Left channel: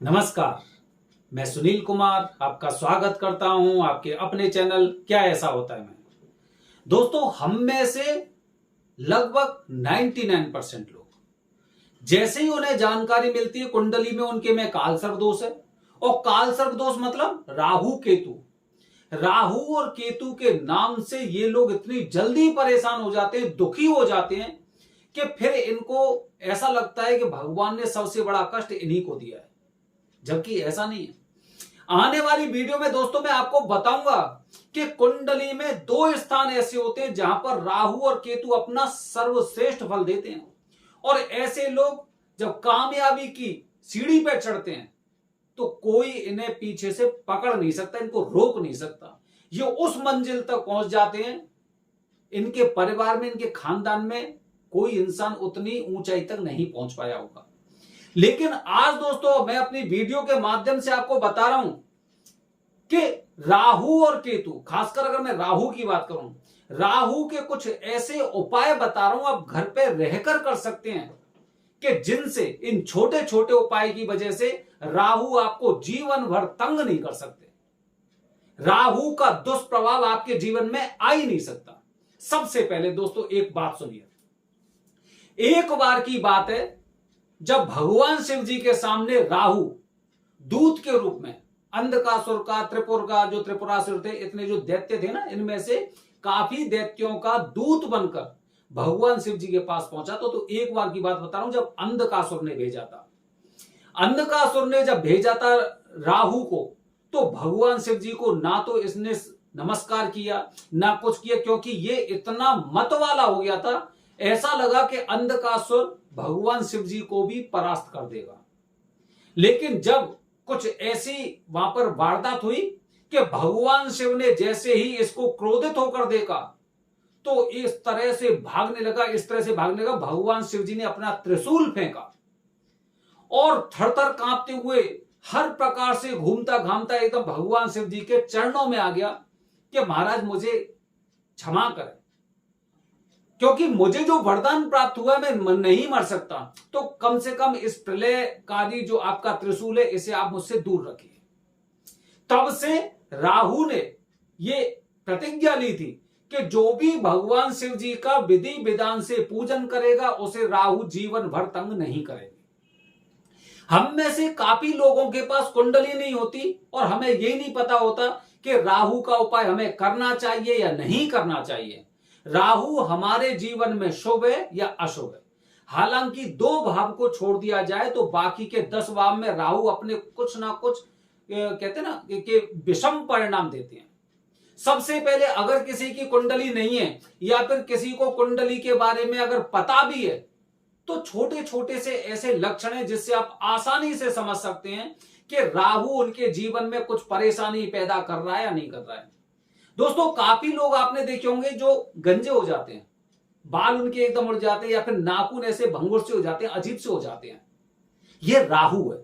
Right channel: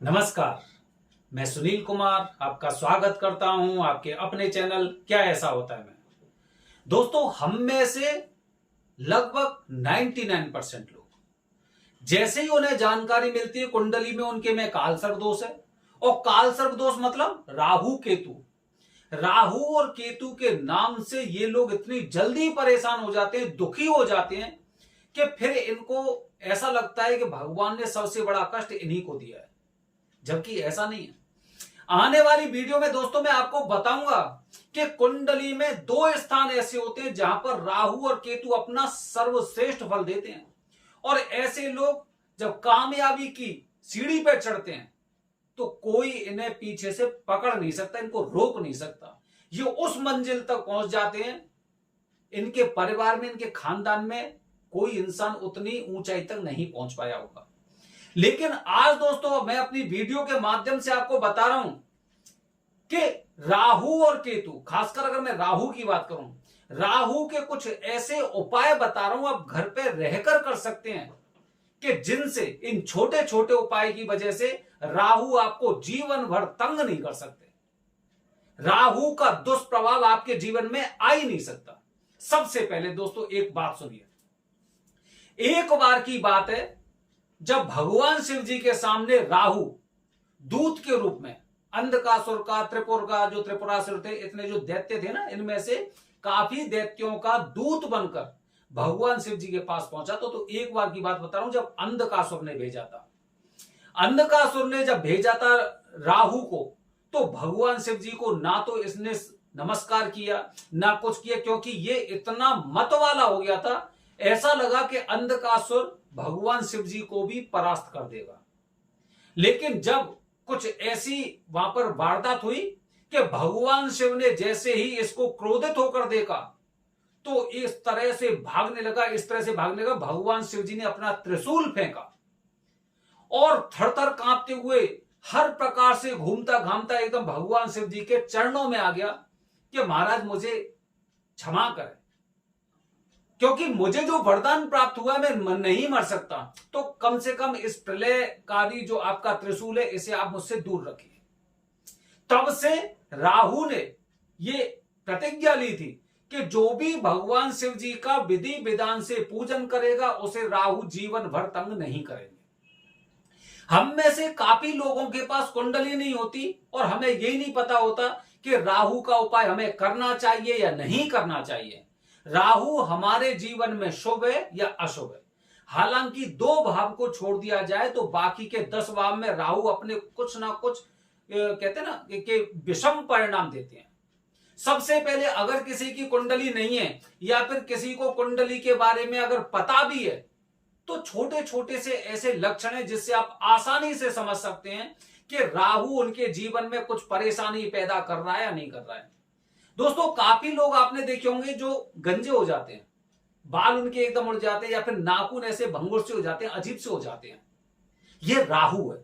नमस्कार। मैं सुनील कुमार आपका स्वागत करता हूं आपके अपने चैनल क्या ऐसा होता है में। दोस्तों, हम में से लगभग 99% लोग जैसे ही उन्हें जानकारी मिलती है कुंडली में उनके में काल सर्प दोष है, और काल सर्प दोष मतलब राहु केतु। राहु और केतु के नाम से ये लोग इतनी जल्दी परेशान हो जाते हैं, दुखी हो जाते हैं कि फिर इनको ऐसा लगता है कि भगवान ने सबसे बड़ा कष्ट इन्हीं को दिया है, जबकि ऐसा नहीं है। आने वाली वीडियो में दोस्तों मैं आपको बताऊंगा कि कुंडली में दो स्थान ऐसे होते हैं जहां पर राहु और केतु अपना सर्वश्रेष्ठ फल देते हैं, और ऐसे लोग जब कामयाबी की सीढ़ी पर चढ़ते हैं तो कोई इन्हें पीछे से पकड़ नहीं सकता, इनको रोक नहीं सकता। ये उस मंजिल तक पहुंच जाते हैं, इनके परिवार में, इनके खानदान में कोई इंसान उतनी ऊंचाई तक नहीं पहुंच पाया होगा। लेकिन आज दोस्तों मैं अपनी वीडियो के माध्यम से आपको बता रहा हूं कि राहु और केतु, खासकर अगर मैं राहु की बात करूं, राहु के कुछ ऐसे उपाय बता रहा हूं आप घर पे रहकर कर सकते हैं कि जिनसे, इन छोटे छोटे उपाय की वजह से राहु आपको जीवन भर तंग नहीं कर सकते। राहु का दुष्प्रभाव आपके जीवन में आ ही नहीं सकता। सबसे पहले दोस्तों एक बात सुनिए। एक बार की बात है जब भगवान शिव जी के सामने राहु दूत के रूप में अंधकासुर का, त्रिपुर का, जो त्रिपुरासुर थे, इतने जो दैत्य थे ना, इनमें से काफी दैत्यों का दूत बनकर भगवान शिव जी के पास पहुंचा। तो एक बार की बात बता रहा हूं, जब अंधकासुर ने भेजा था, अंधकासुर ने जब भेजा था राहु को, तो भगवान शिव जी को ना तो इसने नमस्कार किया ना कुछ किया, क्योंकि ये इतना मत वाला हो गया था, ऐसा लगा कि अंधकासुर भगवान शिव जी को भी परास्त कर देगा। लेकिन जब कुछ ऐसी वहां पर वारदात हुई कि भगवान शिव ने जैसे ही इसको क्रोधित होकर देखा तो इस तरह से भागने लगा, इस तरह से भागने लगा, भगवान शिव जी ने अपना त्रिशूल फेंका और थरथर कांपते हुए हर प्रकार से घूमता घामता एकदम भगवान शिव जी के चरणों में आ गया कि महाराज मुझे क्षमा करें, क्योंकि मुझे जो वरदान प्राप्त हुआ मैं नहीं मर सकता, तो कम से कम इस प्रलयकारी जो आपका त्रिशूल है इसे आप मुझसे दूर रखिए। तब से राहु ने ये प्रतिज्ञा ली थी कि जो भी भगवान शिव जी का विधि विधान से पूजन करेगा उसे राहु जीवन भर तंग नहीं करेंगे। हम में से काफी लोगों के पास कुंडली नहीं होती और हमें यही नहीं पता होता कि राहु का उपाय हमें करना चाहिए या नहीं करना चाहिए। राहु हमारे जीवन में शुभ है या अशुभ है। हालांकि 2 भाव को छोड़ दिया जाए तो बाकी के 10 भाव में राहु अपने कुछ ना कुछ कहते हैं ना कि विषम परिणाम देते हैं। सबसे पहले अगर किसी की कुंडली नहीं है या फिर किसी को कुंडली के बारे में अगर पता भी है तो छोटे छोटे से ऐसे लक्षण हैं जिससे आप आसानी से समझ सकते हैं कि राहु उनके जीवन में कुछ परेशानी पैदा कर रहा है या नहीं कर रहा है। दोस्तों, काफी लोग आपने देखे होंगे जो गंजे हो जाते हैं, बाल उनके एकदम उड़ जाते हैं या फिर नाखून ऐसे भंगुर से हो जाते हैं, अजीब से हो जाते हैं। ये राहु है।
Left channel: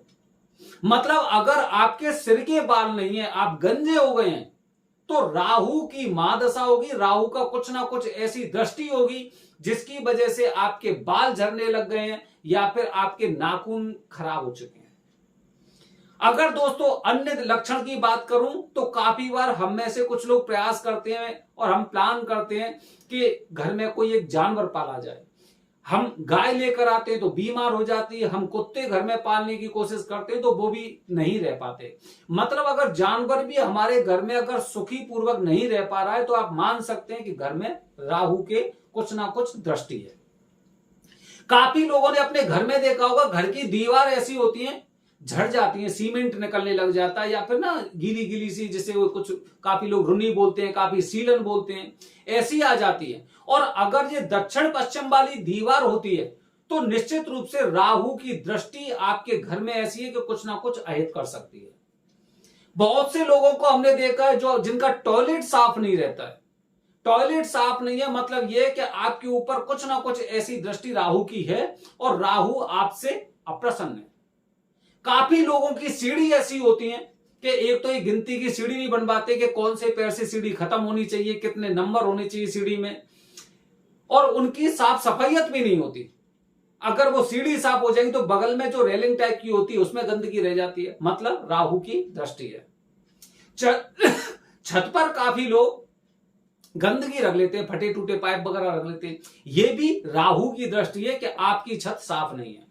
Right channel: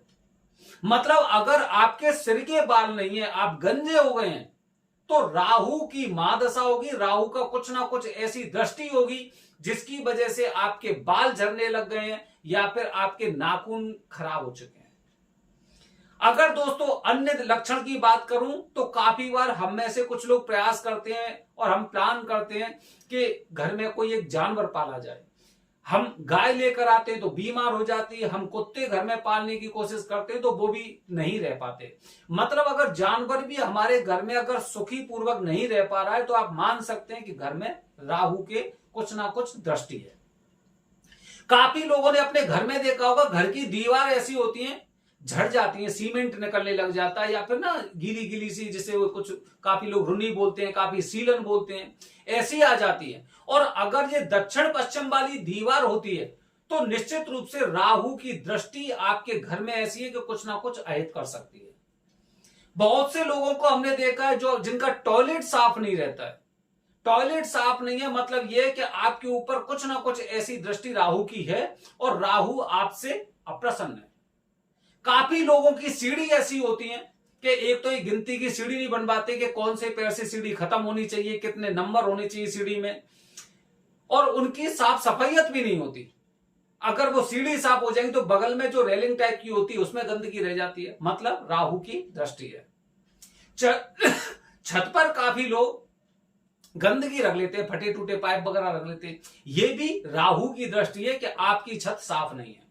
मतलब अगर आपके सिर के बाल नहीं है, आप गंजे हो गए हैं, तो राहु की महादशा होगी, राहु का कुछ ना कुछ ऐसी दृष्टि होगी जिसकी वजह से आपके बाल झड़ने लग गए हैं या फिर आपके नाखून खराब हो चुके हैं। अगर दोस्तों अन्य लक्षण की बात करूं तो काफी बार हम में से कुछ लोग प्रयास करते हैं और हम प्लान करते हैं कि घर में कोई एक जानवर पाला जाए। हम गाय लेकर आते हैं तो बीमार हो जाती है, हम कुत्ते घर में पालने की कोशिश करते हैं तो वो भी नहीं रह पाते। मतलब अगर जानवर भी हमारे घर में अगर सुखी पूर्वक नहीं रह पा रहा है तो आप मान सकते हैं कि घर में राहु के कुछ ना कुछ दृष्टि है। काफी लोगों ने अपने घर में देखा होगा, घर की दीवार ऐसी होती है, झड़ जाती है, सीमेंट निकलने लग जाता है या फिर ना गीली गीली सी, जिसे वो कुछ काफी लोग रुन्नी बोलते हैं, काफी सीलन बोलते हैं, ऐसी आ जाती है। और अगर ये दक्षिण पश्चिम वाली दीवार होती है तो निश्चित रूप से राहु की दृष्टि आपके घर में ऐसी है कि कुछ ना कुछ अहित कर सकती है। बहुत से लोगों को हमने देखा है जो जिनका टॉयलेट साफ नहीं रहता है। टॉयलेट साफ नहीं है मतलब यह कि आपके ऊपर कुछ ना कुछ ऐसी दृष्टि राहु की है और राहु आपसे अप्रसन्न है। काफी लोगों की सीढ़ी ऐसी होती है कि एक तो ये गिनती की सीढ़ी नहीं बन पाते कि कौन से पैर से सीढ़ी खत्म होनी चाहिए, कितने नंबर होने चाहिए सीढ़ी में, और उनकी साफ सफाइयत भी नहीं होती। अगर वो सीढ़ी साफ हो जाएगी तो बगल में जो रेलिंग टाइप की होती है उसमें गंदगी रह जाती है, मतलब राहु की दृष्टि है। छत पर काफी लोग गंदगी रख लेते हैं, फटे टूटे पाइप वगैरह रख लेते हैं, ये भी राहु की दृष्टि है कि आपकी छत साफ नहीं है।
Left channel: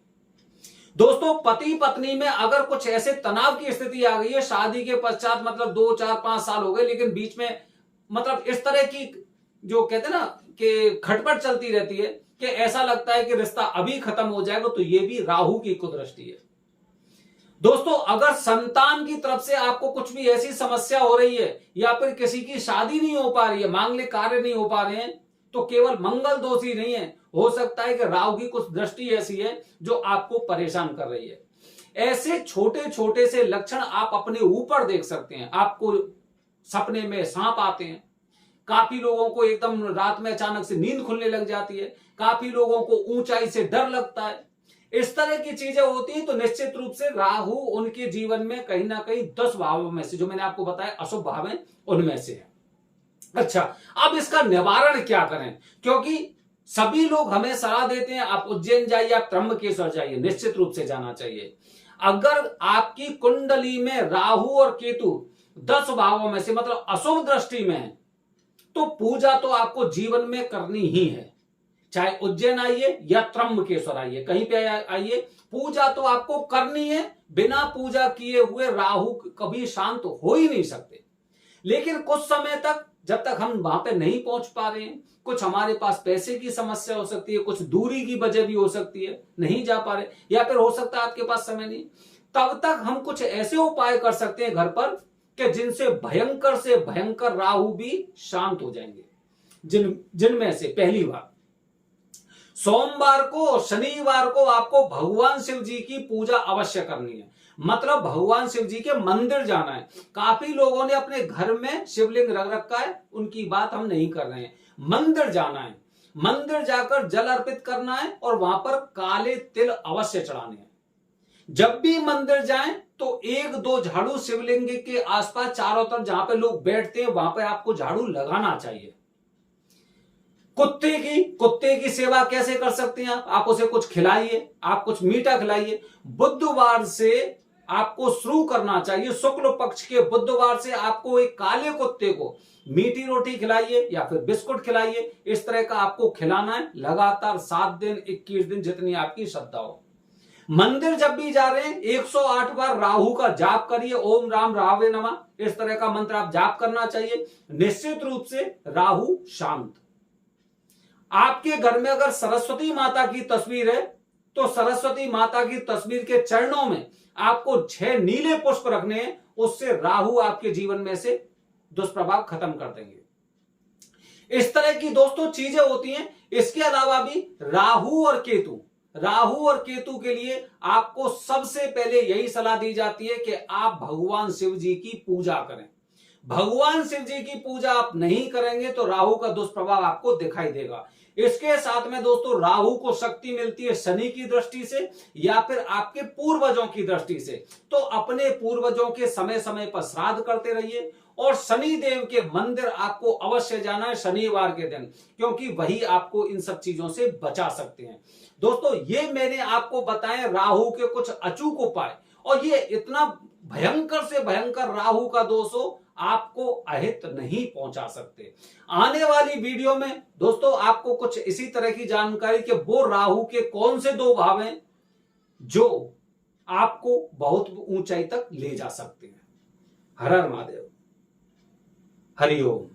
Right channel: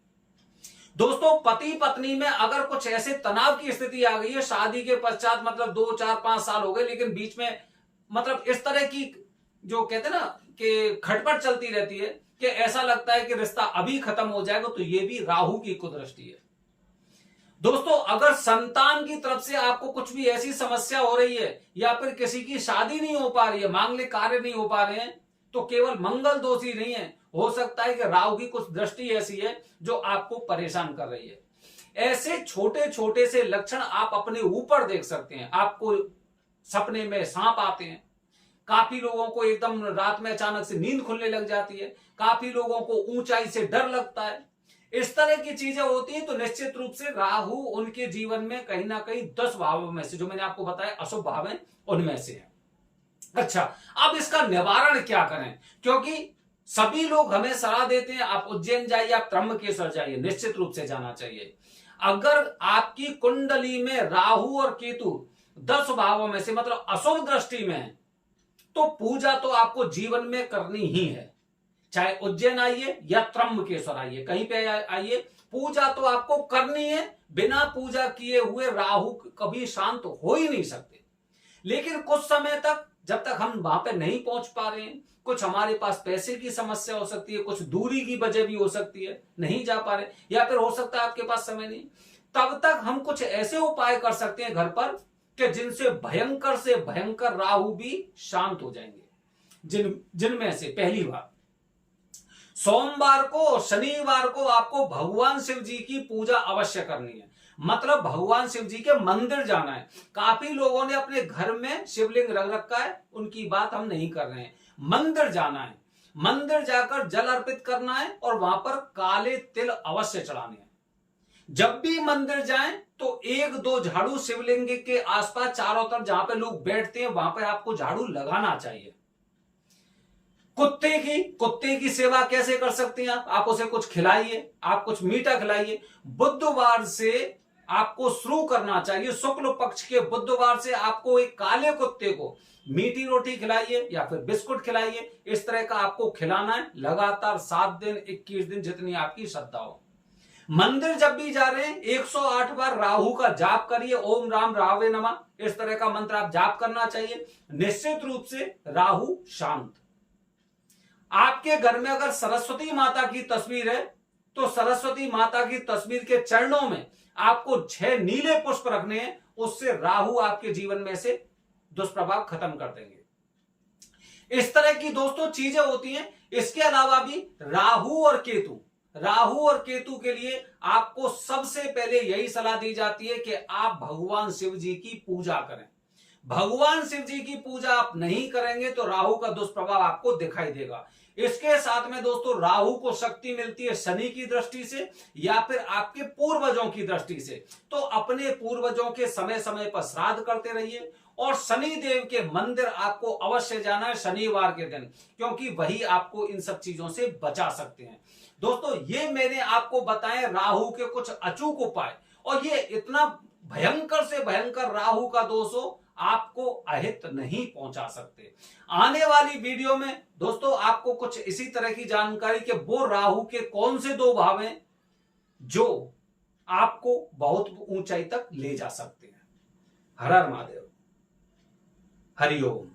दोस्तों, पति पत्नी में अगर कुछ ऐसे तनाव की स्थिति आ गई है शादी के पश्चात, मतलब 2 4 5 साल हो गए, लेकिन बीच में मतलब इस तरह की जो कहते हैं ना कि खटपट चलती रहती है कि ऐसा लगता है कि रिश्ता अभी खत्म हो जाएगा, तो ये भी राहु की कुदृष्टि है। दोस्तों, अगर संतान की तरफ से आपको कुछ भी ऐसी समस्या हो रही है या फिर किसी की शादी नहीं हो पा रही है, मांगलिक कार्य नहीं हो पा रहे हैं, तो केवल मंगल दोष ही नहीं है, हो सकता है कि राहु की कुछ दृष्टि ऐसी है जो आपको परेशान कर रही है। ऐसे छोटे छोटे से लक्षण आप अपने ऊपर देख सकते हैं। आपको सपने में सांप आते हैं, काफी लोगों को एकदम रात में अचानक से नींद खुलने लग जाती है, काफी लोगों को ऊंचाई से डर लगता है, इस तरह की चीजें होती हैं, तो निश्चित रूप से राहु उनके जीवन में कहीं ना कहीं 10 भावों में से, जो मैंने आपको बताया अशुभ भाव है, उनमें से है। अच्छा, अब इसका निवारण क्या करें? क्योंकि सभी लोग हमें सलाह देते हैं आप उज्जैन जाइए, आप त्र्यंबकेश्वर जाइए, निश्चित रूप से जाना चाहिए। अगर आपकी कुंडली में राहु और केतु 10 भावों में से मतलब अशुभ दृष्टि में है, तो पूजा तो आपको जीवन में करनी ही है। चाहे उज्जैन आइए या त्र्यंबकेश्वर आइए, कहीं पे आइए, पूजा तो आपको करनी है। बिना पूजा किए हुए राहु कभी शांत हो ही नहीं सकते। लेकिन कुछ समय तक, जब तक हम वहां पे नहीं पहुंच पा रहे हैं, कुछ हमारे पास पैसे की समस्या हो सकती है, कुछ दूरी की वजह भी हो सकती है, नहीं जा पा रहे, या फिर हो सकता है आपके पास समय नहीं, तब तक हम कुछ ऐसे उपाय कर सकते हैं घर पर कि जिनसे भयंकर से भयंकर राहु भी शांत हो जाएंगे। जिनमें से पहली बात, सोमवार को और शनिवार को आपको भगवान शिव जी की पूजा अवश्य करनी है। मतलब भगवान शिव जी के मंदिर जाना है। काफी लोगों ने अपने घर में शिवलिंग रख रखा है, उनकी बात हम नहीं कर रहे हैं। मंदिर जाना है, मंदिर जाकर जल अर्पित करना है और वहां पर काले तिल अवश्य चढ़ाने हैं। जब भी मंदिर जाएं तो 1-2 झाड़ू शिवलिंग के आसपास चारों तरफ जहां पे लोग बैठते हैं वहां पर आपको झाड़ू लगाना चाहिए। कुत्ते की सेवा कैसे कर सकते हैं? आप उसे कुछ खिलाइए, आप कुछ मीठा खिलाइए। बुधवार से आपको शुरू करना चाहिए, शुक्ल पक्ष के बुधवार से आपको एक काले कुत्ते को मीठी रोटी खिलाइए या फिर बिस्कुट खिलाइए। इस तरह का आपको खिलाना है लगातार 7 दिन 21 दिन, जितनी आपकी श्रद्धा हो। मंदिर जब भी जा रहे हैं 108 बार राहु का जाप करिए, ओम राम राहवे नमः, इस तरह का मंत्र आप जाप करना चाहिए। निश्चित रूप से राहु शांत। आपके घर में अगर सरस्वती माता की तस्वीर है तो सरस्वती माता की तस्वीर के चरणों में आपको 6 नीले पुष्प रखने हैं, उससे राहु आपके जीवन में से दुष्प्रभाव खत्म कर देंगे। इस तरह की दोस्तों चीजें होती हैं। इसके अलावा भी राहु और केतु के लिए आपको सबसे पहले यही सलाह दी जाती है कि आप भगवान शिव जी की पूजा करें। भगवान शिव जी की पूजा आप नहीं करेंगे तो राहु का दुष्प्रभाव आपको दिखाई देगा। इसके साथ में दोस्तों राहु को शक्ति मिलती है शनि की दृष्टि से या फिर आपके पूर्वजों की दृष्टि से। तो अपने पूर्वजों के समय समय पर श्राद्ध करते रहिए और शनि देव के मंदिर आपको अवश्य जाना है शनिवार के दिन, क्योंकि वही आपको इन सब चीजों से बचा सकते हैं। दोस्तों, ये मैंने आपको बताए राहु के कुछ अचूक उपाय, और ये इतना भयंकर से भयंकर राहु का दोष हो आपको अहित नहीं पहुंचा सकते। आने वाली वीडियो में दोस्तों आपको कुछ इसी तरह की जानकारी कि वो राहु के कौन से 2 भाव हैं जो आपको बहुत ऊंचाई तक ले जा सकते हैं। हर हर महादेव, हरिओम।